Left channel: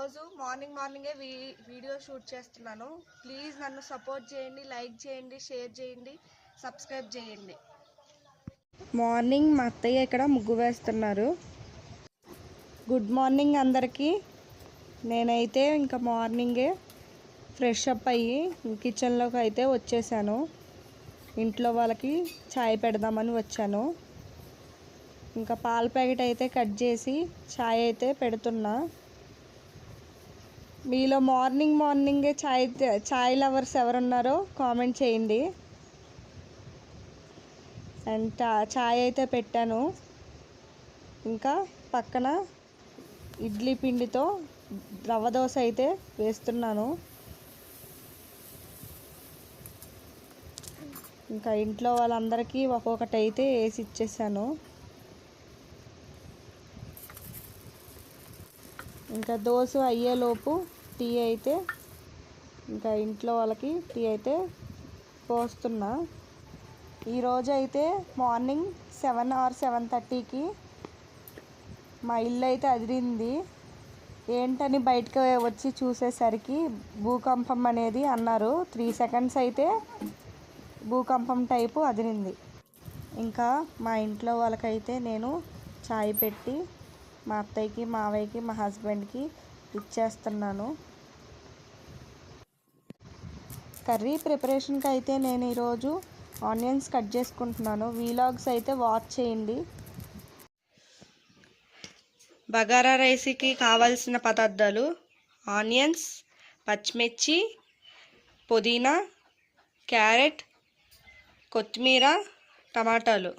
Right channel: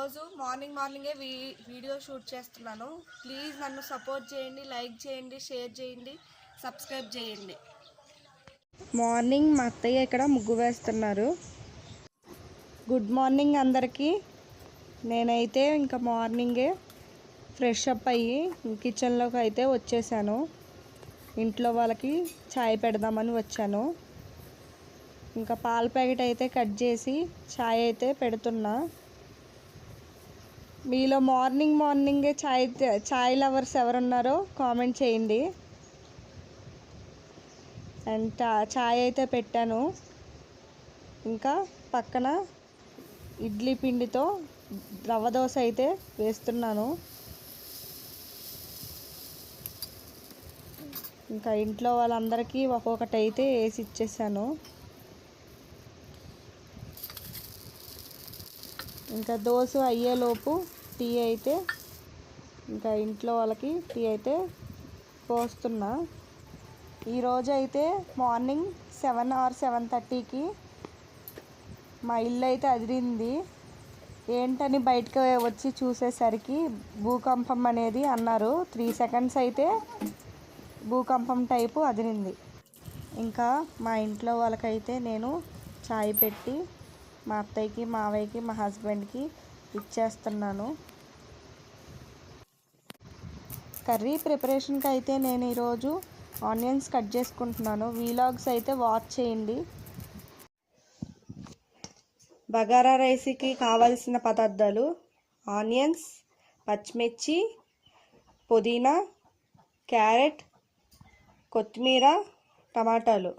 ఈరోజు మార్నింగే video shoot చేస్తున్నాను. ప్లీజ్ నన్ను సపోర్ట్ చేయండి, లైక్ చేయండి, షేర్ చేయండి, సబ్స్క్రైబ్ చేయండి. మార్నింగ్ మా అత్తయ్య ఇక్కడ ముగ్గు వేస్తున్నారు. గుడ్ మార్నింగ్ అందరికీ. నేనైతే ఇంకా మార్నింగే ఫ్రెష్ అప్ అయ్యి కిచెన్లోకి అయితే వచ్చేసాను. ఇంట్లో వాళ్ళకి చాయ్ పెడదామని వచ్చాను. ఇంకా పాల ప్యాకెట్ అయితే కట్ చేసి చాయ్ అయితే పెడుతున్నా. మీలో మార్నింగే చాయ్ లవర్స్ ఎవరున్నారో కామెంట్ చేయండి. అండ్ చాయ్ అయితే పెట్టాను. ఇంకా పక్కన ఇడ్లీ పిండితో రవ్వ దోశ అయితే వేస్తున్నాను. ఇంకా ఇంట్లో వాళ్ళందరికీ ఒక్కొక్కటి అయితే వేసి ఇచ్చేసాను. ఇంకా దోశ అయ్యేలోపు టీ అయితే ఇంకా ఇంట్లో వాళ్ళకి టీ అయితే పోస్తున్నా. ఈరోజు అయితే మార్నింగ్ 7 or 7:30కి మా ఇల్లు అయితే అదిరింది. ఏంటని బయటకు వచ్చి చూసేసరికి భూకంపం అనేది అన్నారు. 3 seconds అయితే భూకంపం టైపు అదిరింది. ఇంకా మా ఇంట్లో వాళ్ళకైతే నేను చాయ్ పెట్టి మా అత్తయ్యకి, మావయ్యకి, మా హస్బెండ్కి ఇచ్చేస్తున్నాను. కర్రీ ప్రిపరేషన్కి అయితే నేను ఈరోజు ఆనియన్స్ కట్ చేసుకుంటున్నాను. వీలాగ్స్ అయితే వాచ్ చేయండి. బగారా రైస్కి కావాల్సిన పదార్థాలు: ఆనియన్స్, పచ్చిమిర్చి, పుదీనా, క్యారెట్, కొత్తిమీర, టమాటాలు,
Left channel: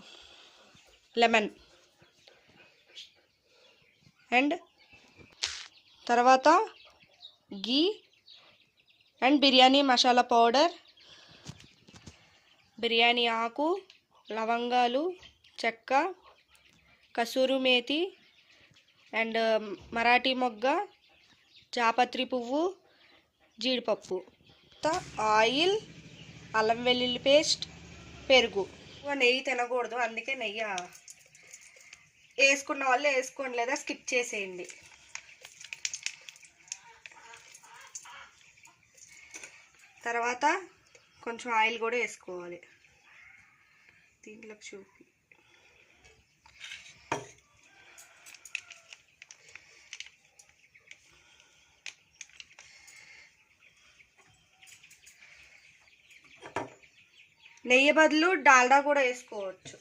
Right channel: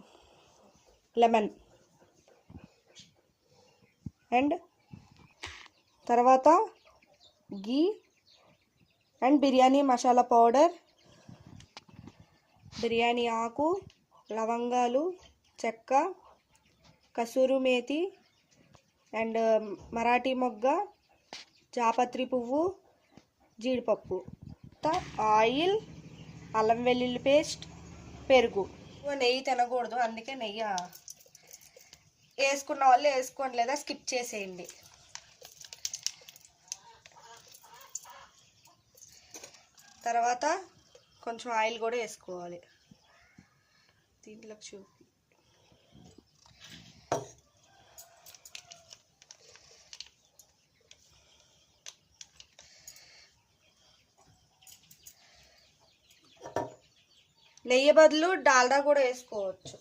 లెమన్ అండ్ తర్వాత గీ అండ్ బిర్యానీ మసాలా పౌడర్, బిర్యానీ ఆకు, లవంగాలు, చెక్క, కసూరి మేతి అండ్ మరాఠీ మొగ్గ, జాపత్రి పువ్వు, జీడిపప్పు, ఆయిల్, అల్లం వెల్లుల్లి పేస్ట్, పెరుగు. నెయ్యి తినకూడదు, అందుకే నెయ్యి వేసుకున్న వాళ్ళు వేసుకోండి, లేదా స్కిప్ చేసేయండి. తర్వాత కొంచెం ఆయిల్ కూడా వేసుకోవాలి. దీంట్లోకి చూపి నెయ్యి బదులు డాల్డా కూడా వేసుకోవచ్చు.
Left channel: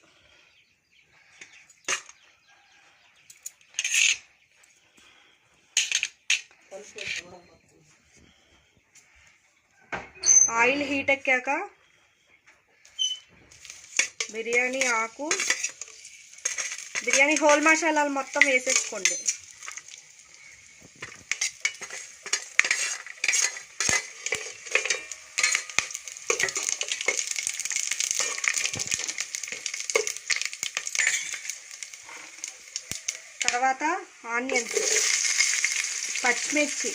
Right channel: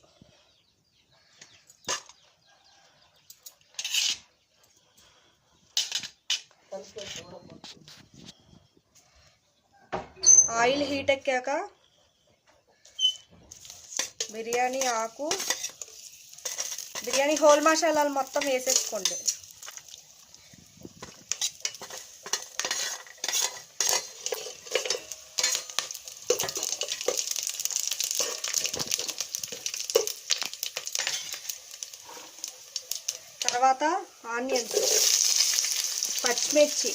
ఆయిల్ హీట్ ఎక్కాక బిర్యానీ ఆకు, బిర్యానీ హోల్ మసాలాలు మొత్తం వేసేసుకోండి. తర్వాత ఆనియన్స్, పచ్చిమిర్చి,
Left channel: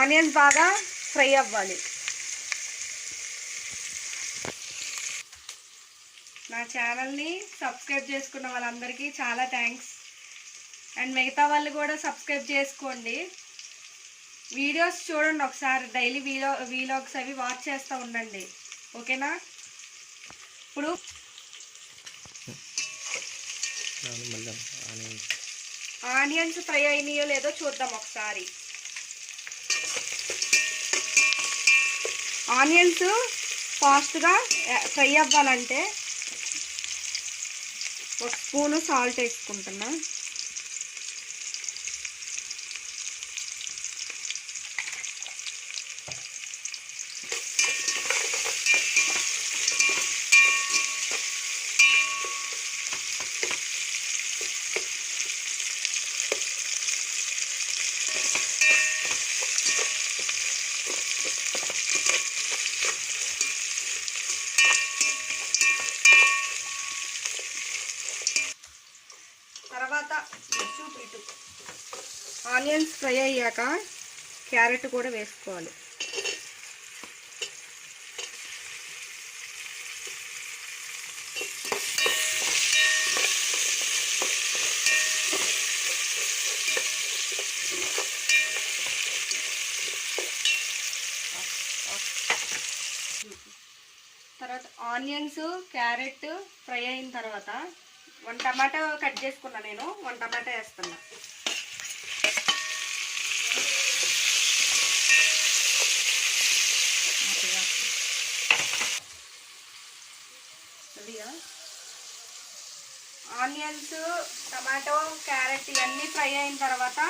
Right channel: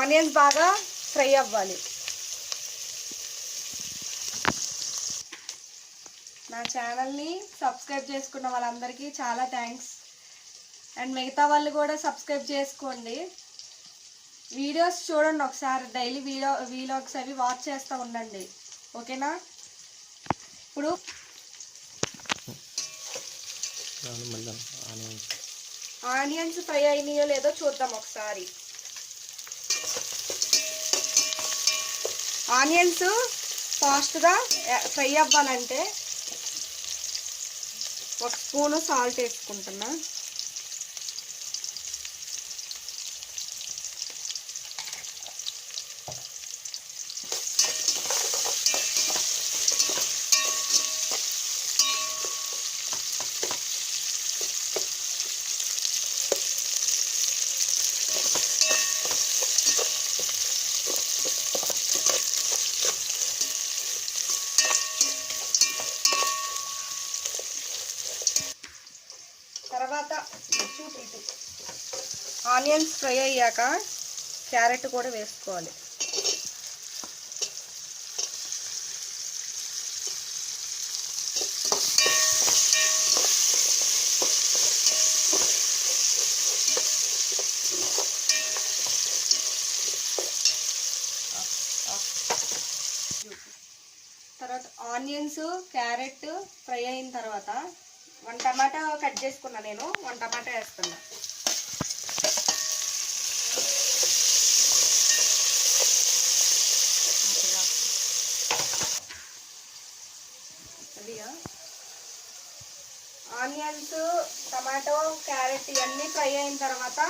ఆనియన్స్ బాగా ఫ్రై అవ్వాలి. నా ఛానల్ని సబ్స్క్రైబ్ చేసుకున్న వాళ్ళందరికీ చాలా థ్యాంక్స్. అండ్ మిగతా వాళ్ళు కూడా సబ్స్క్రైబ్ చేసుకోండి. వీడియోస్ చూడండి ఒకసారి, డైలీ వీలాగ్స్ అవి వాచ్ చేస్తూ ఉండండి, ఓకేనా? ఇప్పుడు ఆనియన్స్ ఫ్రై అయినాయో లేదో చూద్దాం ఒకసారి. ఆనియన్స్ ఫాస్ట్గా ఫ్రై అవ్వాలంటే 1 స్పూను సాల్ట్ వేసుకుంటున్నా. ఆనియన్స్ ఫ్రై అయ్యాక క్యారెట్ కూడా వేసుకోవాలి. తర్వాత ఆనియన్స్ క్యారెట్ ఫ్రై అయిన తర్వాత 1 టమాటా కట్ చేసుకున్నా. నేను 1 టమాటా వేస్తున్నా. ఆనియన్స్ టమాటో క్యారెట్ ఇవన్నీ ఫ్రై అయిన తర్వాత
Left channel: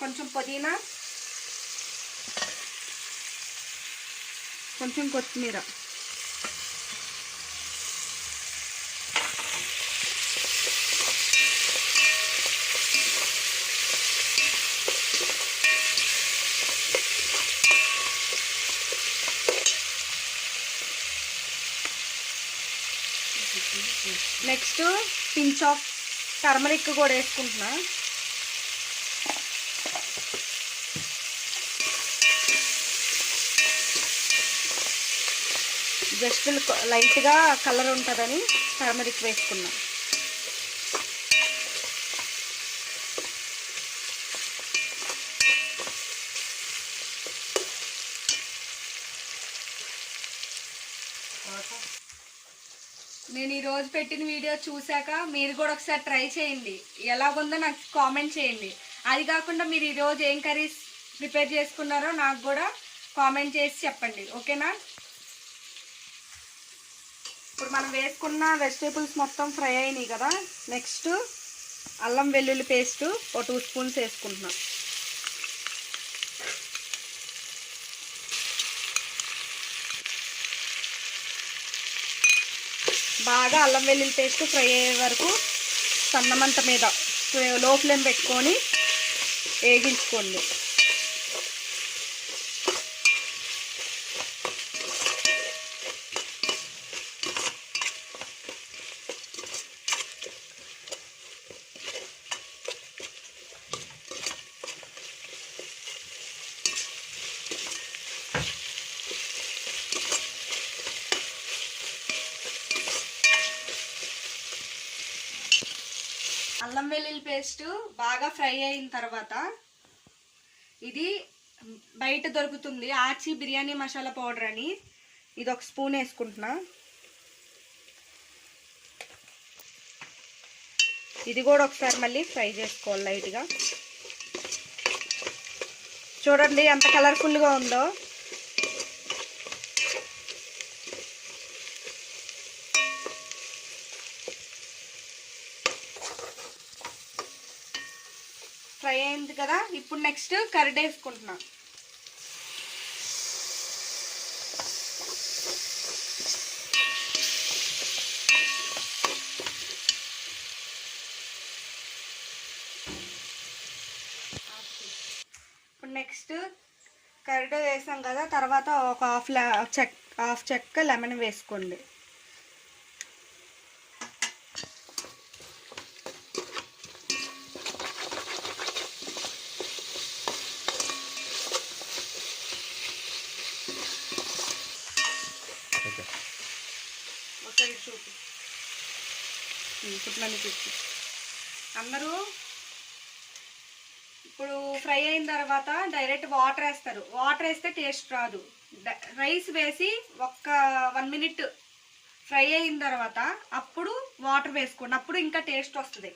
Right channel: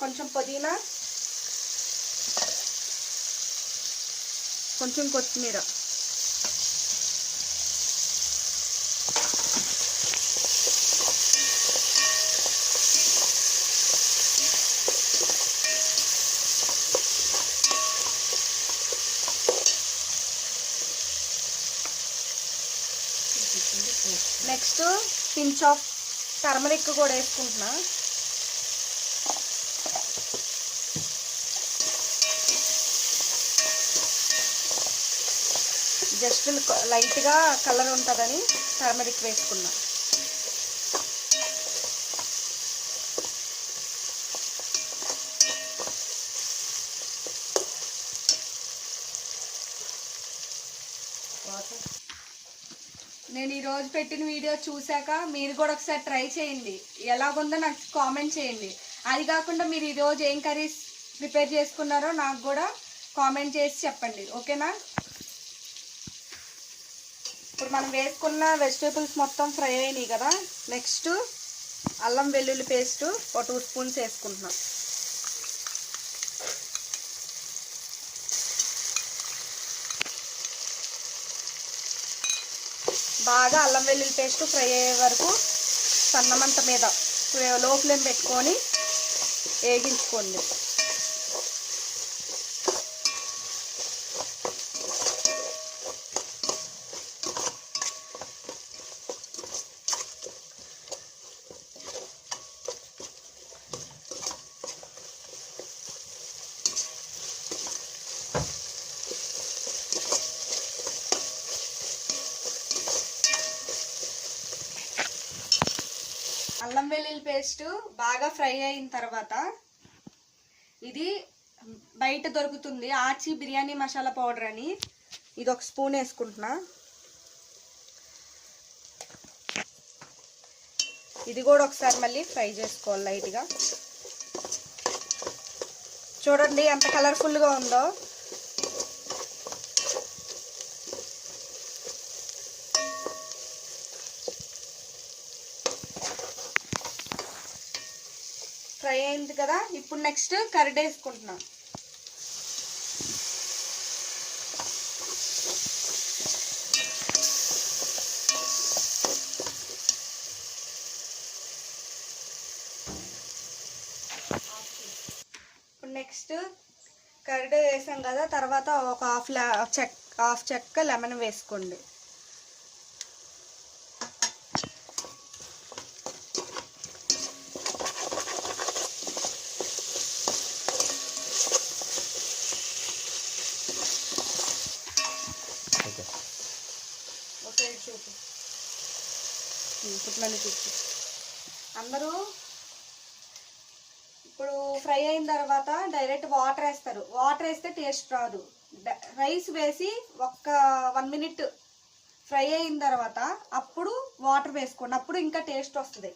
కొంచెం పుదీనా, కొంచెం కొత్తిమీర, నెక్స్ట్ పించ్ ఆఫ్ టర్మరిక్ కూడా వేసుకుంటున్నా. జస్ట్ లైట్గా కలర్ ఉంటుందని టర్మరిక్ వేసుకున్నా. నేను ఈరోజు పెట్టిన వీడియో చూశాక మీరు కూడా ఒకసారి ట్రై చేయండి. ఎలాగుందో నాకు కామెంట్ చేయండి. అది కాకుండా మీరు ఈరోజు ఏం కర్రీస్ ప్రిపేర్ చేసుకున్నారో నాకు కూడా కామెంట్ చేసి చెప్పండి. ఓకేనా? ఇప్పుడు మనం వేసుకున్న వెజిటేబుల్స్ మొత్తం ఫ్రై అయినాయి కదా. నెక్స్ట్ అల్లం వెల్లుల్లి పేస్ట్ 2 స్పూన్స్ వేసుకుంటున్నాం. బాగా అల్లం వెల్లుల్లి పేస్ట్ ఫ్రై అయ్యే వరకు సన్నమంట మీద లో ఫ్లేమ్ పెట్టుకొని వేగించుకోండి. అల్లం వెల్లుల్లి పేస్ట్ బాగా ఫ్రై అయిన తర్వాత ఇది బయట దొరుకుతుంది ఆచి బిర్యానీ మసాలా పౌడర్ అని, ఇది 1 స్పూన్ వేసుకుంటున్నా. ఇది కూడా ఒకసారి మళ్ళీ ఫ్రై చేసుకోవాలి లైట్గా. చూడండి ఎంత కలర్ఫుల్గా ఉందో. ఫ్రై అయింది కదా. ఇప్పుడు నెక్స్ట్ కర్డ్ వేసుకుంటున్నా. ఇప్పుడు నెక్స్ట్ కర్డ్ వేసాం కదా. తర్వాత ఒక హాఫ్ చెక్క లెమన్ వేసుకోండి. అందరూ ఇప్పుడు ఫ్రై అయిన తర్వాత డైరెక్ట్ వాటర్ వేస్తారు. వాటర్ వేస్తే టేస్ట్ రాదు. రైస్ వేసి 1 మినిట్ ఫ్రై అయిన తర్వాత అప్పుడు వాటర్ వేసుకోండి. అప్పుడు ఇంకా టేస్ట్ వస్తుంది.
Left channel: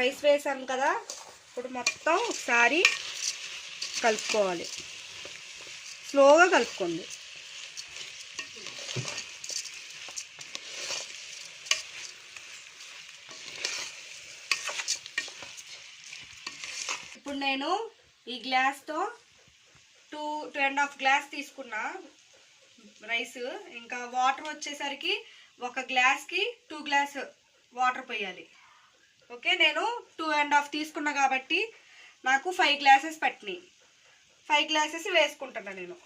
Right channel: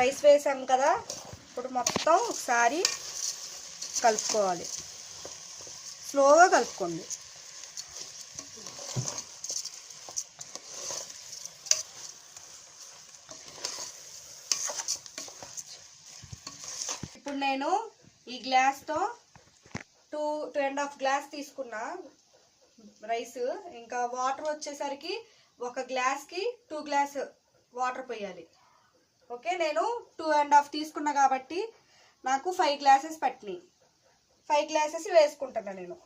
రైస్ వేసాం కదా. ఇప్పుడు మొత్తం ఒకసారి కలుపుకోవాలి. స్లోగా కలుపుకోండి. ఇప్పుడు నేను ఈ గ్లాస్తో 2.5 గ్లాస్ తీసుకున్నా రైస్. ఇంకా వాటర్ వచ్చేసరికి 1 గ్లాస్కి 2 గ్లాస్ వాటర్ పోయాలి. ఓకే, నేను 2.5 తీసుకున్నా కాబట్టి నాకు 5 గ్లాసెస్ పట్టినాయి. 5 గ్లాసెస్ వేసుకుంటున్నా నేను.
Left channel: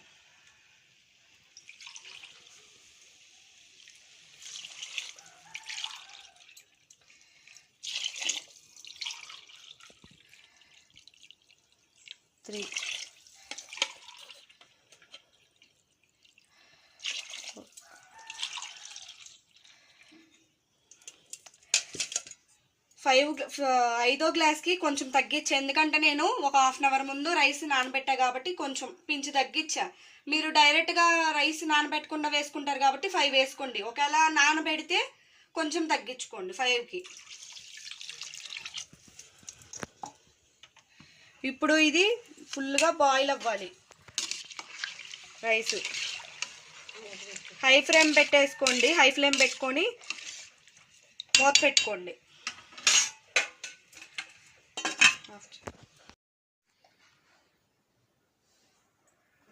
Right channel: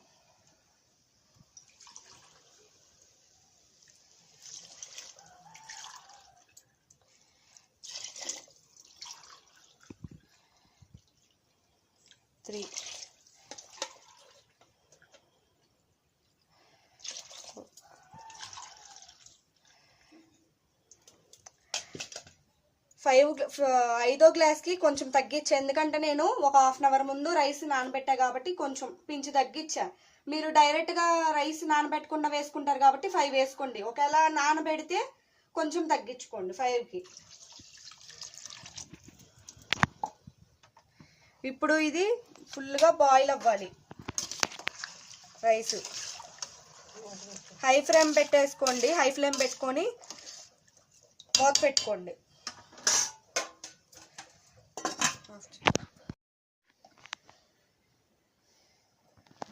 త్రీ 5 గ్లాస్కి కొంచెం తగ్గించా, ఎందుకంటే నేను ఒక హాఫ్ అన్ అవర్ ముందు రైస్ నానబెట్టా కాబట్టి కొంచెం పించి తగ్గించా. మీరు డైరెక్ట్గా రైస్ నానబెట్టకుండా వేసుకుంటారు కాబట్టి 5 వేసుకోండి. ఒకవేళ నానబెడితే కొంచెం తగ్గించుకోండి 5కి. ఇప్పుడు ఇది ఫుల్గా బాయిల్ అవ్వాలి రైస్. హై ఫ్లేమ్ పెట్టేసుకోండి, హై ఫ్లేమ్ పెట్టుకొని మూత పెట్టుకోండి.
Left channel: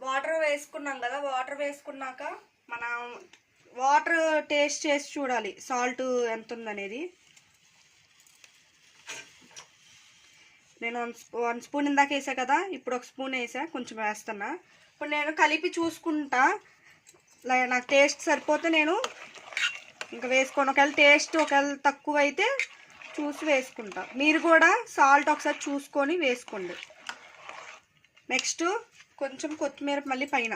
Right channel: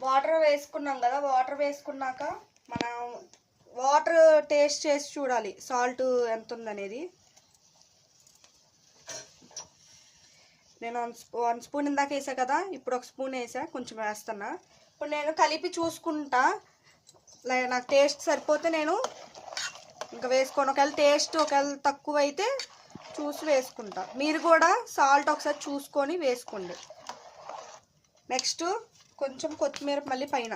వాటర్ వేసుకున్నాం కదా, వాటర్ వేసుకున్నాక మనం వాటర్ టేస్ట్ చేసి చూడాలి సాల్ట్ ఎంత ఉందనేది. నేను 1 స్పూన్ ఇందాక వేసా కదా, ఇప్పుడు 1 స్పూన్ వేసా, కొంచెం వేస్తున్నా. ఇప్పుడు నేను కలిపి చూసుకుంటా, నాకు టేస్ట్ సరిపోతే నేను ఇంకా వేసుకోను. ఒకవేళ తక్కువ అయితే చూసి వేసుకుంటా. మీరు కూడా సాల్ట్ ఒకసారి చూసుకొని వేసుకోండి. నెక్స్ట్ కొంచెం కొత్తిమీర మళ్ళీ పైన.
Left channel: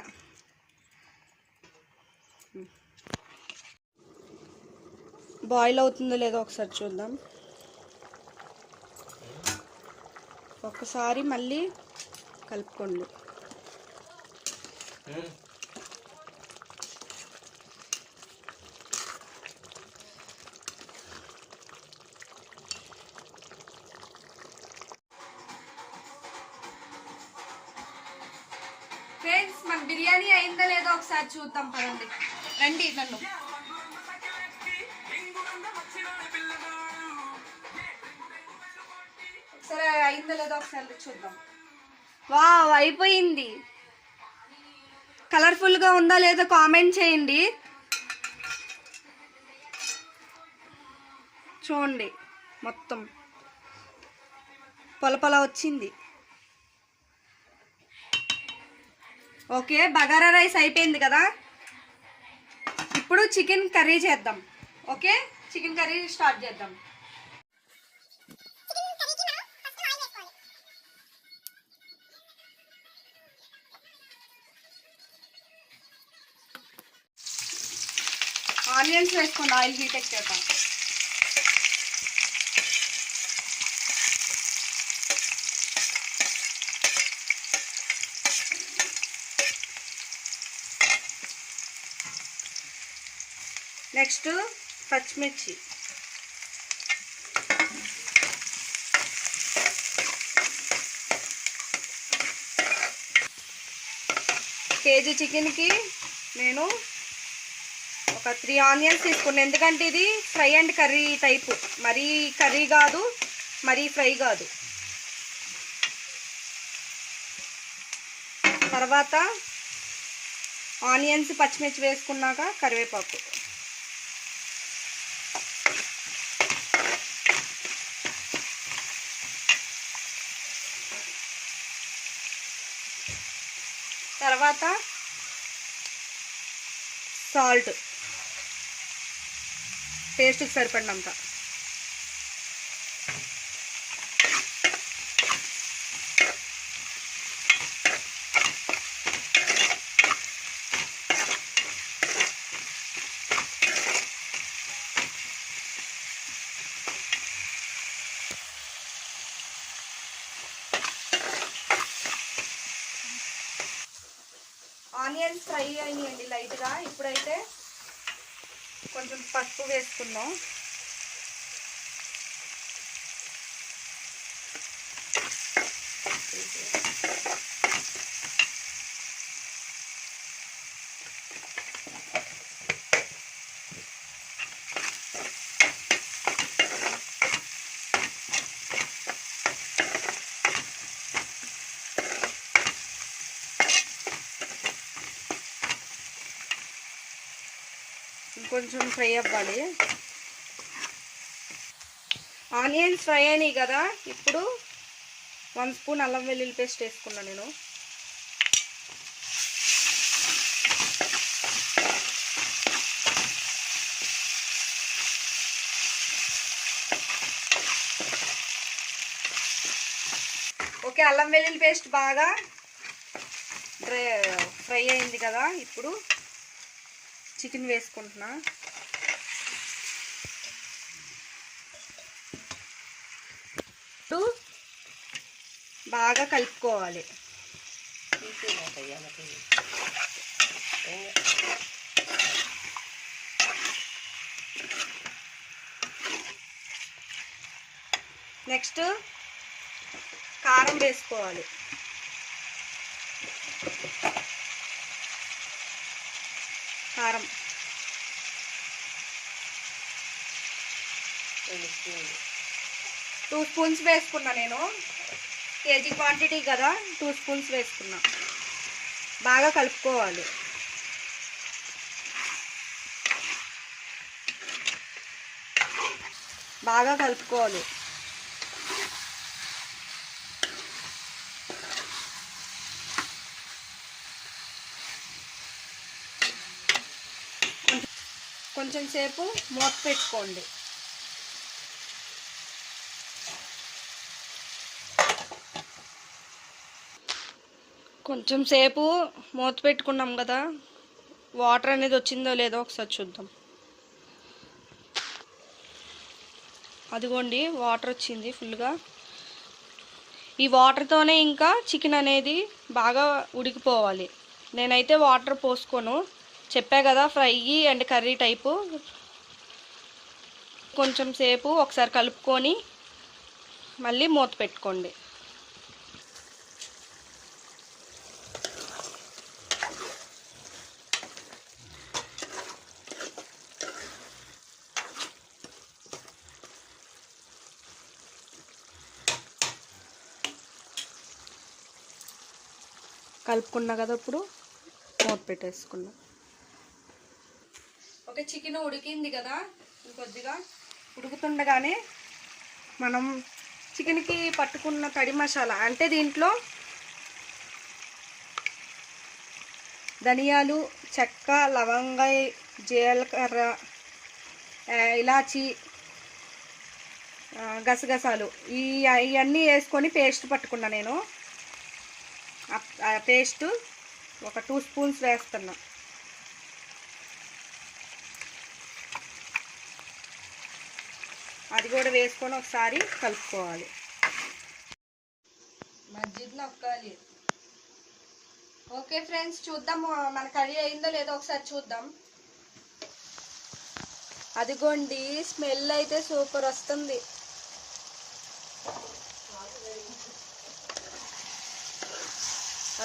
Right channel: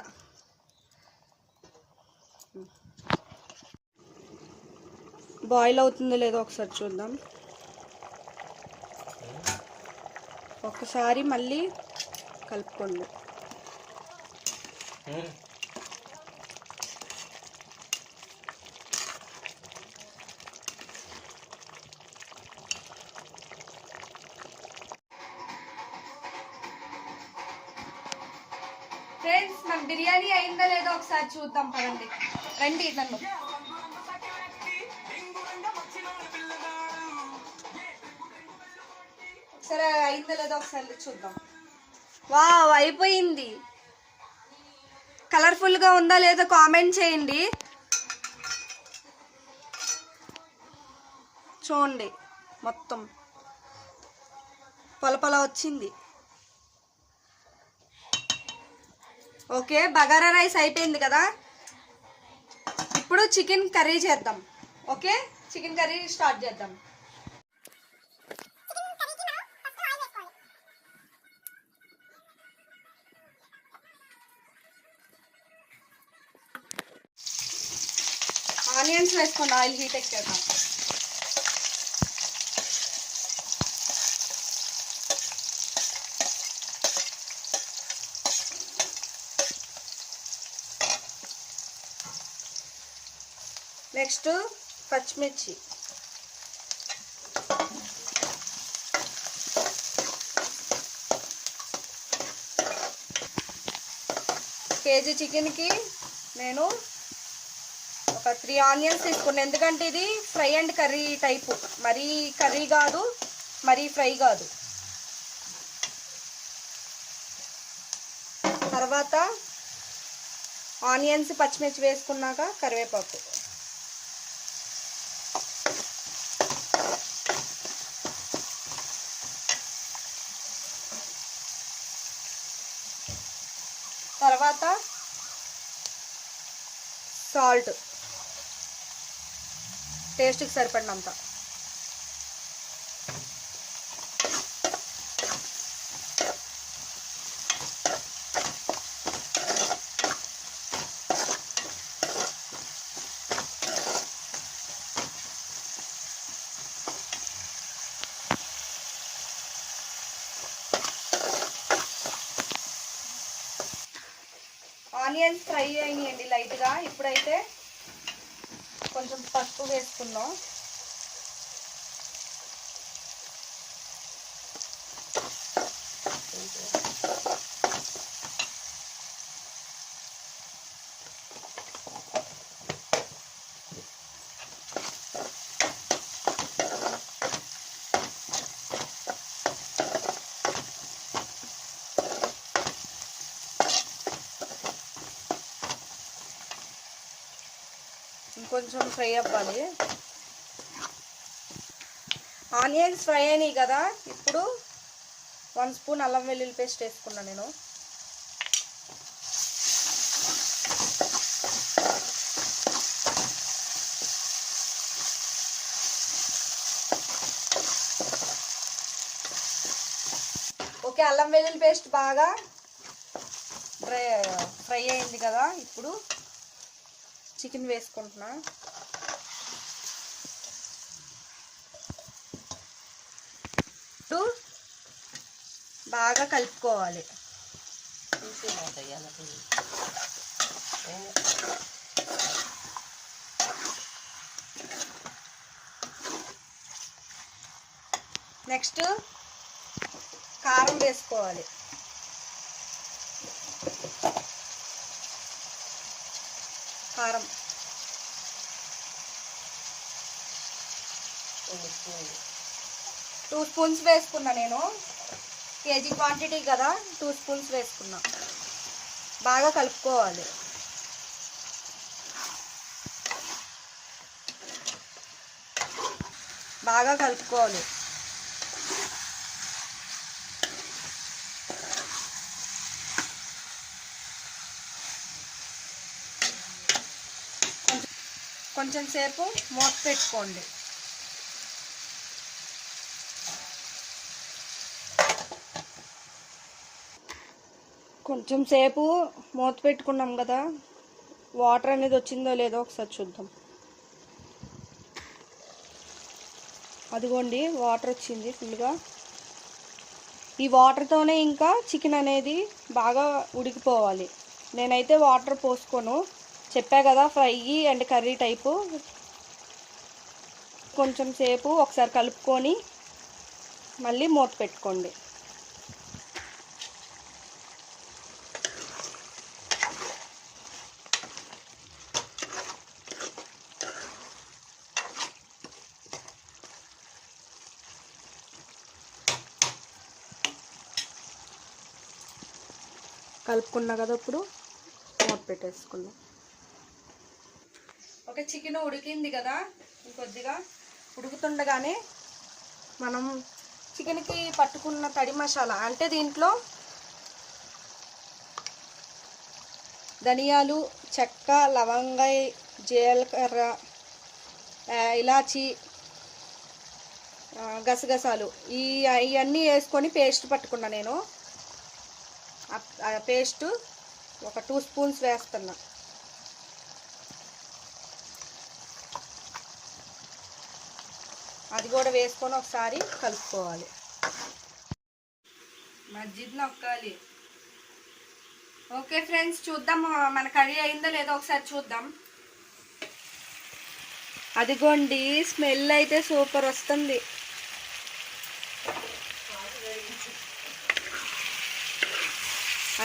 బాయిల్ అవుతుందో లేదో ఒకసారి చూద్దాం. ఒకసారి మళ్ళీ కలుపుకోండి. ఫ్రెండ్స్, మన బిర్యానీ అయిందా లేదో ఒకసారి చూద్దాం పదండి. రండి నన్ను. సరే అయిందా లేదో ఒకసారి చూద్దాం. వావ్, అయిపోయింది. కలర్ఫుల్గా ఉందా లేదో కామెంట్ చేయండి. చూడండి మొత్తం పొలపొల వచ్చింది. ఓకే, బగారా రైస్ అయిపోయింది కదా. ఇప్పుడు చికెన్ కర్రీ చేద్దాం. ఓకే, చికెన్ కర్రీ స్టార్ట్ చేద్దాం. ఆనియన్స్ వేసుకోండి, ఆయిల్ హీట్ ఎక్కాక. నెక్స్ట్ పచ్చిమిర్చి. కేజీ చికెన్కి నేను ఒక 3 ఆనియన్స్ తీసుకున్నాను, ఎందుకంటే ఇది ఫ్రై అండ్ కర్రీ టైపు. మరీ కర్రీ కాదు, మరీ ఫ్రై కాదు. తర్వాత ఆనియన్స్ పచ్చిమిర్చి వేసుకున్నాక కరివేపాకు. తర్వాత సాల్ట్ టేస్ట్కి సరిపడినంత. ఆనియన్స్ ఫ్రై అయ్యాయండి లైట్గా. ఇప్పుడైతే కొంచెం పసుపు వేసుకుందాం. కొంచెం ఫ్రై అవ్వాలి. ఆనియన్స్ ఫ్రై అయినాయి కదా, ఇప్పుడు 1 స్పూన్ అల్లం వెల్లుల్లి పేస్ట్ వేసుకున్నాను నేను. అల్లం వెల్లుల్లి పేస్ట్ బాగా ఫ్రై అయింది కదా. ఇప్పుడు చికెన్ వేసుకుంటున్నా. బాగా కలుపుకోవాలి. నెక్స్ట్ కారం వేసుకోవాలి. కారం 2 స్పూన్స్ వేసుకున్నా. నేను కేజీ క్వాంటిటీ కదా 2 స్పూన్స్ వేసుకున్నా. బాగా కలుపుకోవాలి. బాగా కలుపుకోవాలి. కొంచెం సేపు మూత పెట్టుకోండి. కొంచెం సేపు మూత పెట్టుకున్నాం కదా, వాటర్ అనేది వచ్చిందో లేదో ఒకసారి చూద్దాం. అదిగోండి వాటర్ వచ్చింది ఫుల్గా. ఈ వాటర్తోనే ఇంకా చికెన్ అనేది బాగా ఉడికిపోవాలి. నేనైతే వాటర్ పోసుకోను, చెప్పా కదా ఫ్రై అండ్ కర్రీ టైపు. కొంచెం సేపు ఒకసారి కలుపుకొని మళ్ళీ మూత పెట్టుకోండి. కలుపుకున్నా కదా, ఇప్పుడు మూత పెట్టేసుకున్నాం. ఓకే, చికెన్ ఉడికింది కదా. కొద్దిగా ఉడుకుతుండగానే మనం చికెన్కి పట్టుకున్న కడి మసాలా అంటే దీంట్లో ధనియాలు, చెక్క, లవంగా, జీలకర్ర, ఇలాచి, గసగసాలు ఇవన్నీ వేసుకొని పేస్ట్ పట్టుకున్నా. నేను ఆ పేస్ట్ ఒక 2 స్పూన్స్ వేస్తున్నా. అది కూడా వేసుకొని ఒకసారి కలుపుకోవాలి. మజ్జిగ నొక్కాలి. ఓకే ఫ్రెండ్స్, చూద్దాం మన కర్రీ అయిందో లేదో ఒకసారి చూద్దాం. అదిగోండి, స్మెల్ అయితే సూపర్ వస్తుంది.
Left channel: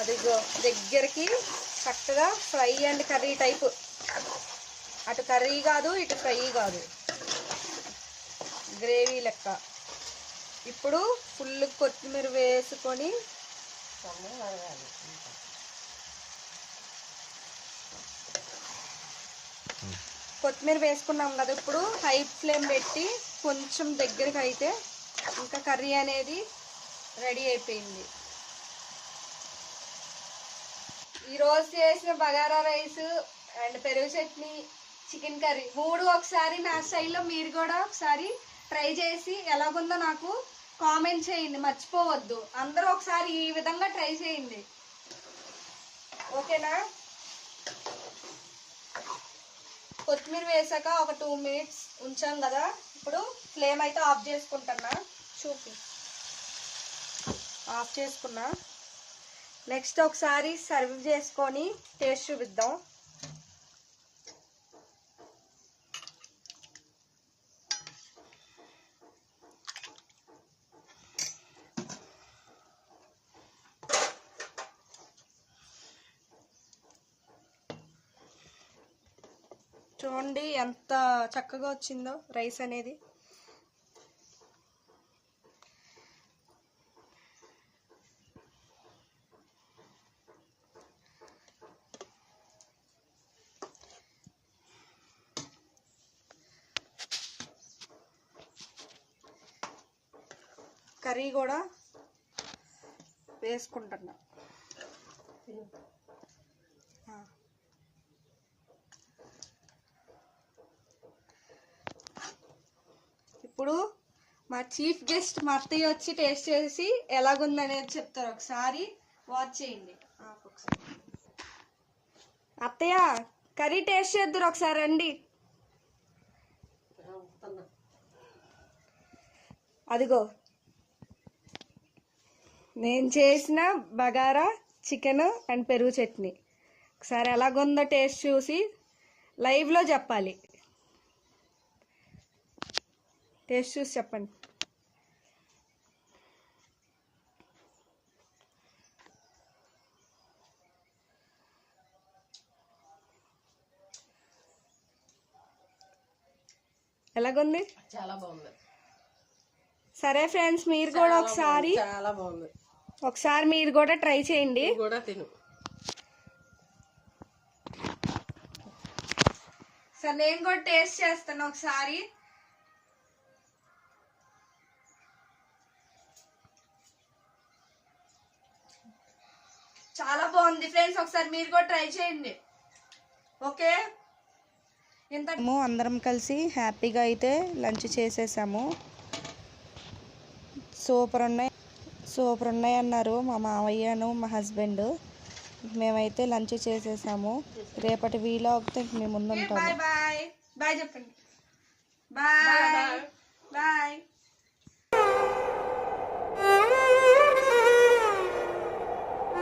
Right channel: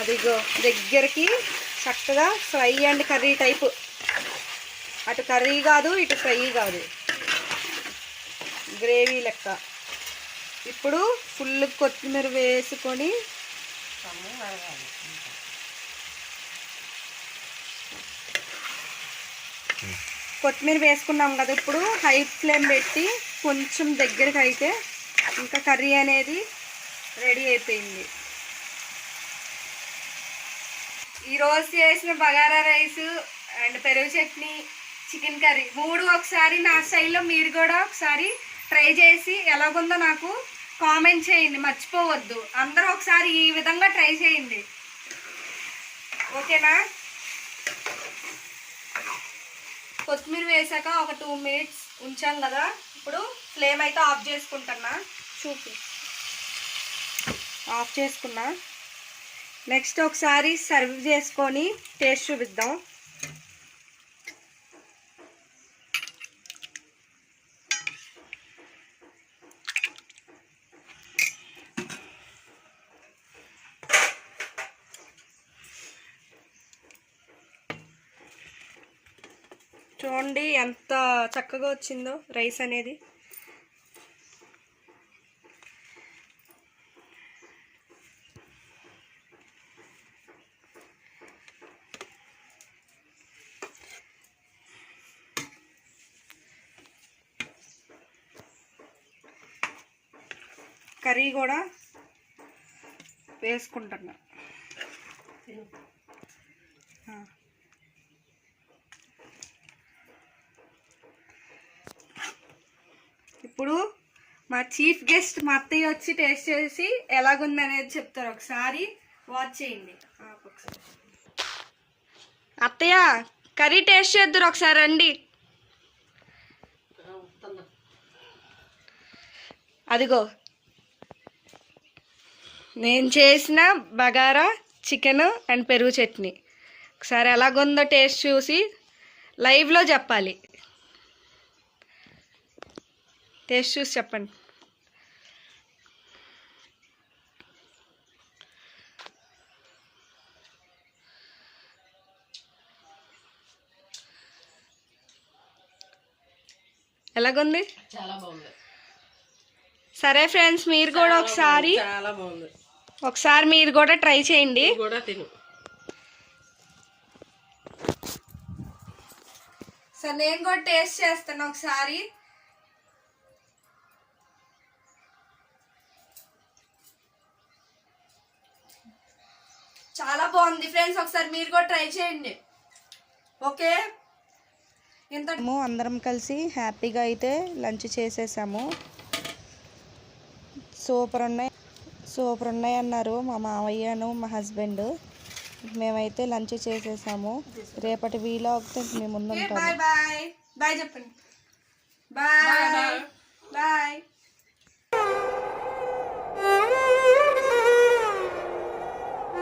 అదిగో దగ్గరికి చక్కగా ఫ్రై అండ్ కర్రీ టైపు. అటు కర్రీ కాదు, ఇటు ఫ్రై కాదు, గ్రేవీ లెక్క. ఇప్పుడు ఫుల్ కొత్తిమీర వేసుకొని కొత్తిమీర వేసుకున్నాం కదా. ఇప్పుడు హై ఫ్లేమ్ పెట్టి కొంచెం దగ్గరికి అయితే ఇంకా కర్రీ అనేది రెడీ అయిపోయింది. ఈరోజు చేసిన బగారా రైస్ అండ్ పెరుగు చట్నీ, చికెన్ కర్రీ 3 ఒకసారి నా స్టైల్లో మీరు కూడా ఒకసారి ట్రై చేసి ఎలాగుందో నాకు కామెంట్ చేయండి, మర్చిపోవద్దు. అందరూ ఒకసారి ఈ విధంగా ట్రై చేయండి, ఓకేనా? కొత్తిమీర వేసాక ఒక 2 మినిట్స్ ఉంచాం కదా. ఇప్పుడు ఫ్లేమ్ అయితే ఆఫ్ చేసుకుంటున్నా. ఆఫ్ చేసుకున్నా. నెక్స్ట్ ఒకసారి సర్వ్ చేసుకొని టేస్ట్ చూపిద్దాం. చూడండి ఎంత చక్కగా వచ్చిందో రైస్ అనేది. కర్రీ కూడా వేసుకుంటున్నా. ఇప్పుడు మా చీఫ్ గెస్ట్ మా అత్తయ్య వచ్చి టేస్ట్ చేసి ఎలాగుంది అనేది చెప్తారు. ఒకసారి వాచ్ చేయండి. ఒకసారి అత్తయ్య కర్రీ టేస్ట్ చేద్దరు, ఒకసారి రండి. అదిగో నేను చేసిన బగారా చికెన్ అండ్ పెరుగు చట్నీ. ఒకసారి ఎలాగుందో టేస్ట్ చూసి లైవ్లో చెప్పాలి. టేస్ట్ చూసి చెప్పండి. ఎలాగుంది? చాలా బాగుంది. సరే ఫ్రెండ్స్, మీరు కూడా ఒకసారి చాలా బాగుంది. ఒకసారి మీరు కూడా ట్రై చేయండి. కూడా తిను. సరే నేను కూడా టేస్ట్ చేస్తాను ఒకసారి. చాలా బాగుంది ఫ్రెండ్స్, ఒకసారి మీరు కూడా ట్రై చేయండి. ఓకే, మేము అందరం కలిసి హ్యాపీగా అయితే లంచ్ చేసేసాము. సూపర్ ఉన్నాయి అన్నారు మా మావయ్యను మా హస్బెండ్. మేమైతే లంచ్ చేసేసాము. రేపటి వీలాగ్తో ఇంక మేము ముందు ఉంటాము. బాయ్ బాయ్ బాయ్ చెప్పండి. Bye bye.